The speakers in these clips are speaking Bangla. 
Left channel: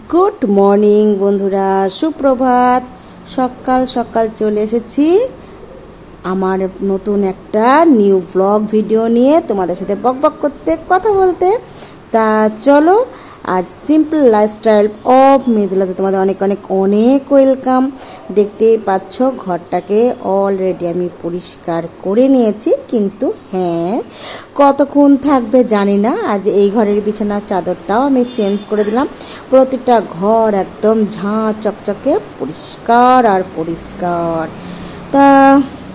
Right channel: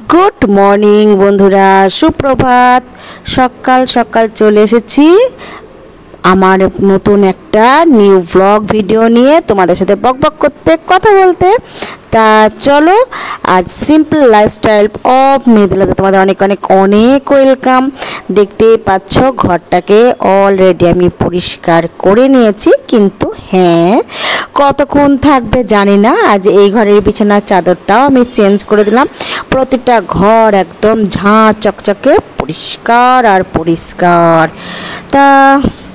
গুড মর্নিং বন্ধুরা, সুপ্রভাত। সকাল সকাল চলে এসেছি আমার নতুন একটা নিউ ব্লগ ভিডিও নিয়ে তোমাদের সাথে বকবক করতে, কথা বলতে। তা চলো, আজ সিম্পল লাইফস্টাইল অফ মেদিনীতে তোমাদের অনেক অনেক অনেক ওয়েলকাম। দেখতেই পাচ্ছ ঘরটাকে অলরেডি আমি পরিষ্কার করে নিয়েছি, কিন্তু হ্যাঁ, কতক্ষণ থাকবে জানি না। আজ এই ঘরের বিছানার চাদরটাও আমি চেঞ্জ করে দিলাম। প্রতিটা ঘর একদম ঝাঁ চকচকে পরিষ্কার আর পরিষ্কার। তা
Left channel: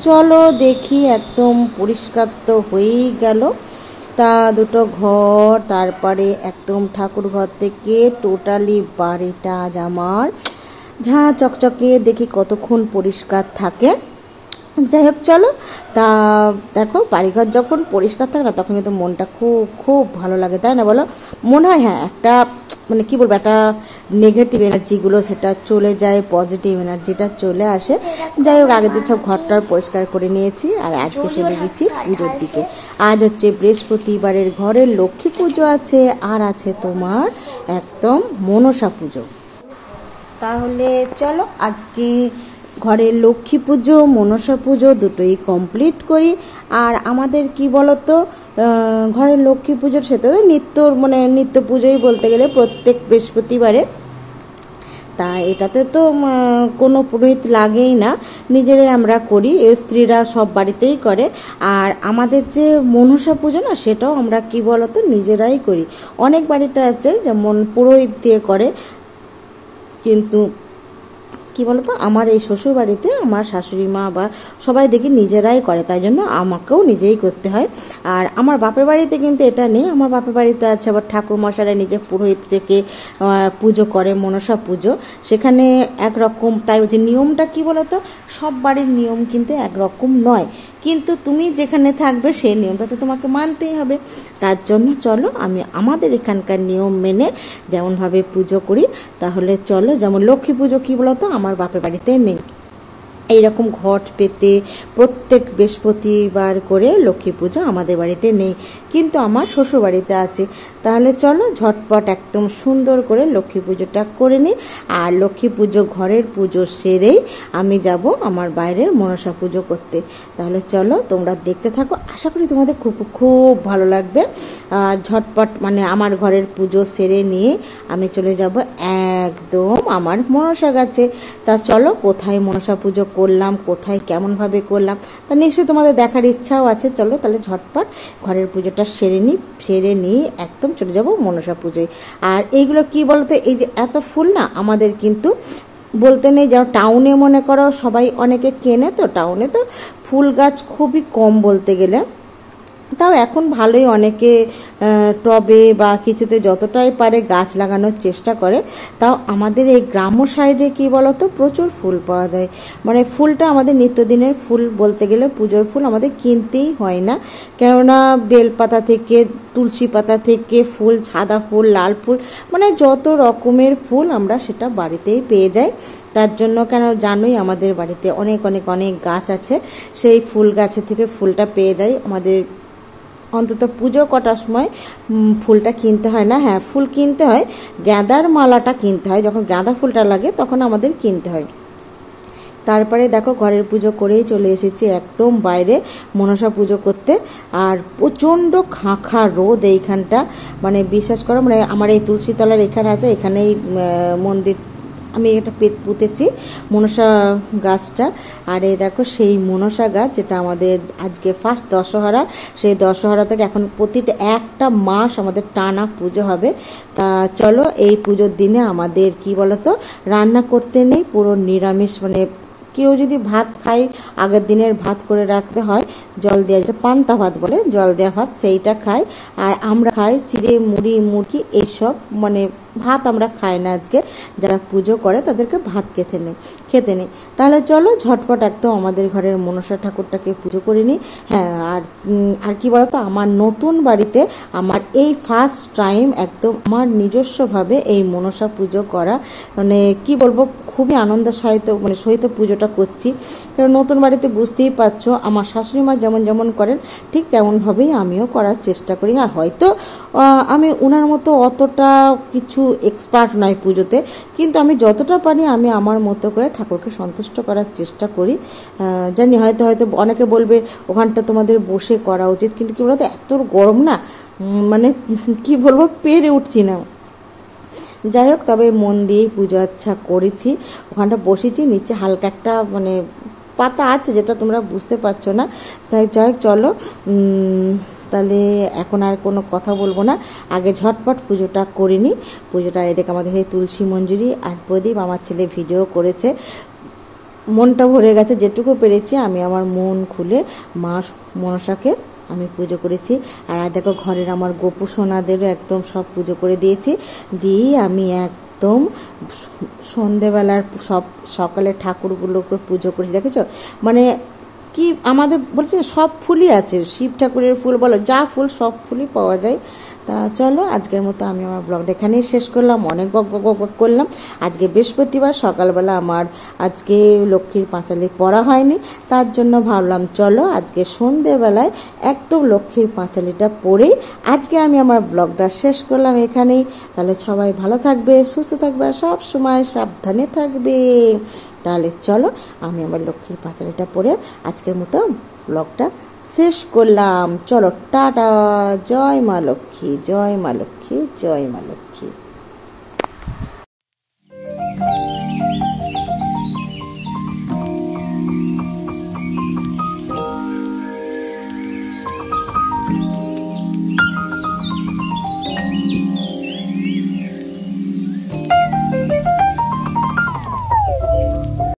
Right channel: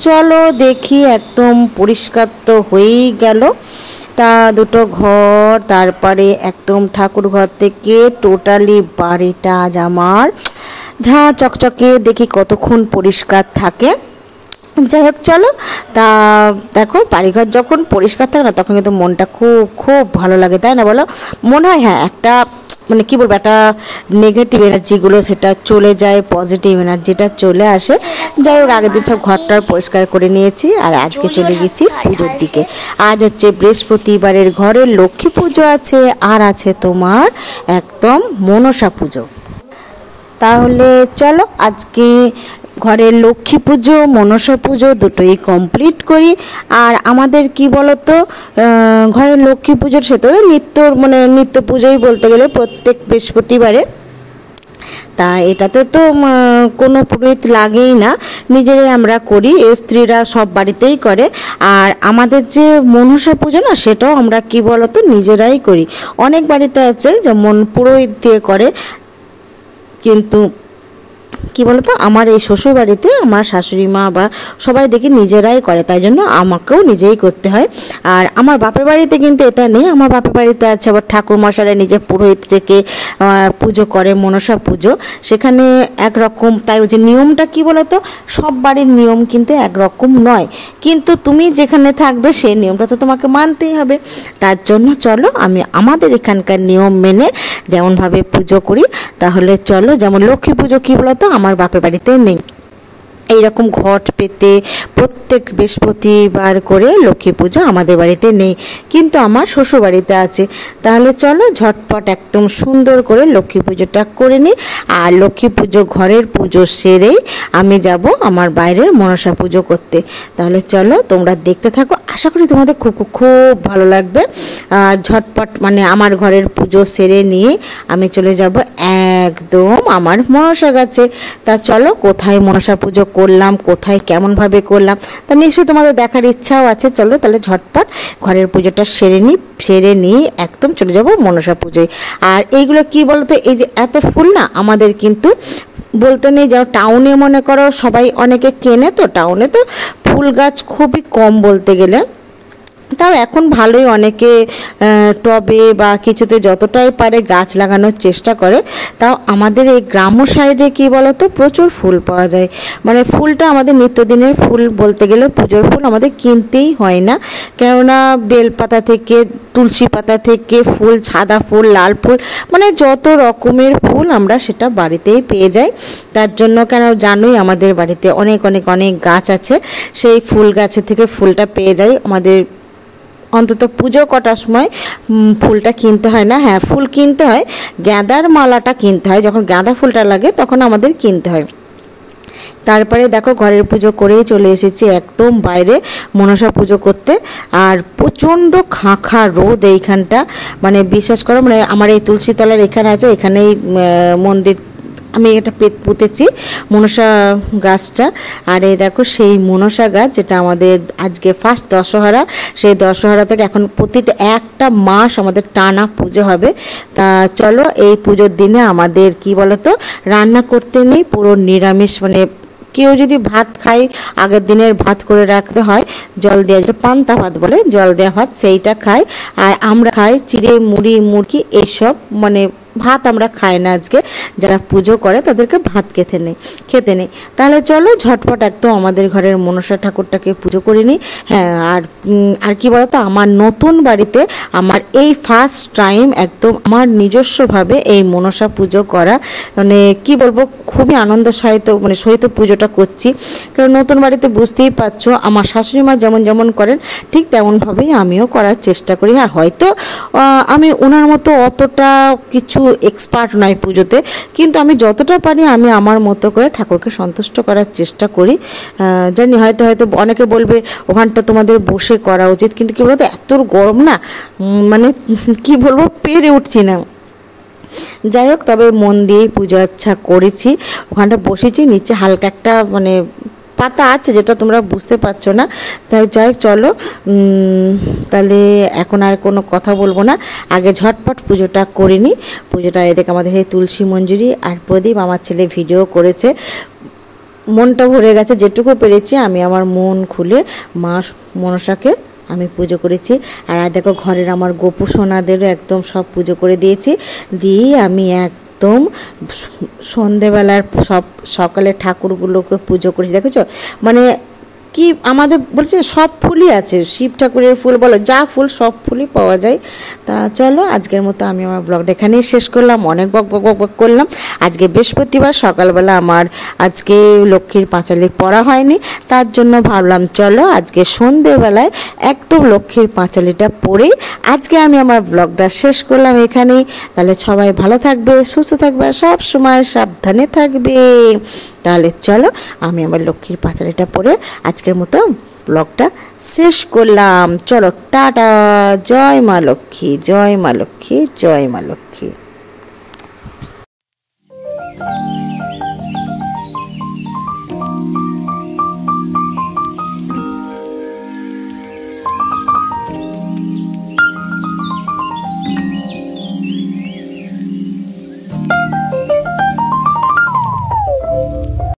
চলো দেখি, একদম পরিষ্কার তো হয়েই গেল। তা দুটো ঘর, তারপরে একদম ঠাকুর ঘর থেকে টোটালি বাড়িটা আজ আমার ঝাঁ চকচকে, দেখি কতক্ষণ পরিষ্কার থাকে। যাই হোক চলো, তা দেখো বাড়িঘর যখন পরিষ্কার থাকে না, তখন কিন্তু মনটা খুব খুব ভালো লাগে, তাই না বলো? মনে হয় হ্যাঁ, একটা মানে কী বলবো, একটা নেগেটিভ এনার্জিগুলো সেটা চলে যায়, পজিটিভ এনার্জিটা চলে আসে। যাই হোক, আগের দিন সব ঘরটার পরিষ্কার করে নিয়েছি, আর আজকে চলে গেছি পুজোর দিকে। আজ হচ্ছে বৃহস্পতিবারের ঘরে লক্ষ্মী পুজো আছে, আর আছে তোমার একদম মনসা পুজো। তাহলে চলো আজকে ঘরের লক্ষ্মী পুজো মনসা পুজো দুটোই কমপ্লিট করি। আর আমাদের কি বলতো, ঘরের লক্ষ্মী পুজোর সে তো নিত্য পুজোই বলতে গেলে প্রত্যেক বৃহস্পতিবারে। তা এটাতে তো কোনো পুরোহিত লাগেই না, নিজেরাই আমরা করি, স্ত্রীরা সব বাড়িতেই করে। আর আমাদের যে মনসা পুজো না, সেটাও আমরা কি বলতো নিজেরাই করি। অনেক বাড়িতে আছে যেমন পুরোহিত দিয়ে করে, কিন্তু কি বলতো আমার এই শ্বশুর বাড়িতে আমার শাশুড়ি মা বা সবাই দেখি নিজেরাই করে, তাই জন্য আমাকেও নিজেই করতে হয়। আর আমার বাপের বাড়িতে কিন্তু এটা নেই। আমার বাপের বাড়িতে আছে আবার ঠাকুর মশাইরা নিজে পুরোহিত রেখে পুজো করে, মনসা পুজো, সেখানে একরকম। তাই যে নিয়মটা কি বলতো, সব বাড়ির নিয়ম কিন্তু একরকম নয়, কিন্তু তুমি যেখানে থাকবে সেই নিয়মটা তো তোমাকে মানতেই হবে। তার জন্য চলো আমি আমাদের এখানকার নিয়ম মেনে যেমনভাবে পুজো করি। তাহলে চলো, যেমন লক্ষ্মী পুজো কি বলতো আমার বাপের বাড়িতে নেই, এইরকম ঘট পেতে প্রত্যেক বৃহস্পতিবার করে লক্ষ্মী পুজো আমাদের বাড়িতে নেই, কিন্তু আমার শ্বশুর বাড়িতে আছে। তাহলে চলো ঝটপট একদম সুন্দর করে লক্ষ্মী পুজোটা করে নিই। আর লক্ষ্মী পুজো ঘরের পুজো সেরেই আমি যাব আমার বাইরের মনসা পুজো করতে। তাহলে চলো তোমরা দেখতে থাকো, আশা করি তোমাদের খুব খুব ভালো লাগবে। আর ঝটপট মানে আমার ঘরের পুজো সেরে নিয়ে আমি চলে যাব একদম আমার মনসা গাছে। তা চলো, কোথায় মনসা পুজো করলাম, কোথায় কেমনভাবে করলাম, তা নিশ্চয়ই তোমাদের দেখার ইচ্ছাও আছে। চলো তাহলে ঝটপট ঘরের পুজোটা সেরে নিই একদম চলে যাব মনসা পুজোয়। আর এইগুলো কি বলতো, এই যে এত ফুল না আমাদের কিন্তু বলতে নেই, যেমন টাউনে মনে করো সবাই অনেকে কেনে, তো টাউনে তো ফুল গাছ খুবই কম বলতে গেলে। তাও এখন ভালোই অনেকে টবে বা কিছুতে যতটাই পারে গাছ লাগানোর চেষ্টা করে। তাও আমাদের এই গ্রাম্য সাইডে কি বলতো প্রচুর ফুল পাওয়া যায়। মানে ফুলটা আমাদের নিত্যদিনের ফুল বলতে গেলে, পুজোর ফুল আমাদের কিনতেই হয় না, কেননা বেলপাতা থেকে তুলসী পাতা থেকে ফুল, সাদা ফুল, লাল ফুল, মানে যত রকমের ফুল আমরা সেটা বাড়িতেই পেয়ে যাই। তার জন্য কেন জানোই আমাদের বাড়িতে অনেক অনেক অনেক গাছ আছে, সেই ফুল গাছের থেকে ফুলটা পেয়ে যাই। আমাদের অন্তত পুজো কটার সময় ফুলটা কিনতে হয় না। হ্যাঁ, ফুল কিনতে হয়, গাঁদার মালাটা কিনতে হয়, যখন গাঁদা ফুলটা লাগে তখন আমাদের কিনতে হয়। তারপরে দেখো ঘরের পুজো করেই চলে এসেছি একদম বাইরে মনসা পুজো করতে। আর প্রচণ্ড খাঁ রোদ এইখানটা, মানে বিশ্বাস করো, মানে আমার এই তুলসী তলার এখানে আছে, এখানেই মন্দির আমি এটা পুঁতেছি মনসা গাছটা। আর এই দেখো সেই মনসা গাছ, যেটা আমাদের আজকে ফার্স্ট দশহরা, সেই দশহরা থেকে এখন প্রতিটা একটা মাস আমাদের টানা পুজো হবে। তা চলো, এই পুজোর দিনে আমাদের কি বলতো রান্না করতে নেই, পুরো নিরামিষ। মানে কেউ যদি ভাত খায়, আগের দিনের ভাত করে রাখতে হয়, জল দেওয়া, যেটা পান্তা ভাত বলে, জল দেওয়া ভাত, সেইটা খায়। আর আমরা খাই চিড়ে মুড়ি মুরগি এইসব, মানে ভাত আমরা খাই না আজকে। যারা পুজো করে তাদেরকে ভাত খেতে নেই। তাহলে চলো ঝটপট একদম আমাদের ঘরের মনসা ঠাকুরটাকে পুজো করে নিই। হ্যাঁ, আর কি বলতো, আমার নতুন বাড়িতে আমার এই ফার্স্ট টাইম একদম আমার নিজস্বভাবে এই মনসা পুজো করা, মানে কি বলবো, খুবই আনন্দ সহিত পুজোটা করছি। কারণ নতুন বাড়িতে বুঝতেই পারছো আমার শাশুড়ি মা যেমন যেমন করেন ঠিক তেমনভাবেই আমিও করার চেষ্টা করি। হ্যাঁ, হয়তো আমি ওনার মতো অতটা কিছু কিছু এক্সপার্ট নয় পুজোতে, কিন্তু আমি যতটা পারি আমি আমার মতো করে ঠাকুরকে সন্তুষ্ট করার চেষ্টা করি। জানি হয়তো অনেকে বলবে ওখানটা তোমাদের বসে করা উচিত, কিন্তু কী বলতো এত গরম না, মানে কি বলবো, পেরে উঠছি না। যাই হোক, তবে মন দিয়েই পুজো আচ্ছা করেছি। ওখানটা বসেছি, নিচে হালকা একটা মানে পাতা আছে যেটা তোমরা বুঝতে পারছো না। তাই যাই হোক, চলো তাহলে এখন আর কোনো কথা বলবো না, আগে ঝটপট পুজোটা করে নিই। পুজোটা এদিকে আমাদের এই তুলসী মঞ্জুরি আর প্রদীপ, আমার ছেলে ভিডিও করেছে, মনটা ভরে গেছে। যেটুকু পেরেছি আমি আমার মন খুলে মা মনসাকে আমি পুজো করেছি। আর দেখো ঘরের আমার গোপু সোনাদেরও একদম সব পুজো করে দিয়েছি। দিয়ে আমি একদম সন্ধেবেলার সকালে ঠাকুরগুলোকে পুজো করেছি। দেখেছো মানে কি আমাদের বলছে সব ফুলই আছে, শিব ঠাকুরের ফুল বলো, যা ফুল সব ফুলই পাওয়া যায়। তা চলো আজকের মতো আমি আমার ব্লগটা এখানেই শেষ করলাম। অনেক বক করলাম। আজকে বৃহস্পতিবার সকালবেলা আমার আজকে লক্ষ্মীর পাঁচালি পড়া হয়নি, তার জন্য ভাবলাম চলো আজকে সন্ধেবেলায় একদম লক্ষ্মীর পাঁচালিটা পড়েই আজকে আমি আমার ব্লগটা শেষ করলাম এখানেই। তাহলে সবাই ভালো থাকবে, সুস্থ থাকবে, সব সময় সাবধানে থাকবে। তাহলে চলো আমি আমার লক্ষ্মীর পাঁচালিটা পড়ে আজকের মতো ব্লগটা শেষ করলাম। চলো টাটা, জয় মা লক্ষ্মী, জয় মা লক্ষ্মী, জয় মা লক্ষ্মী।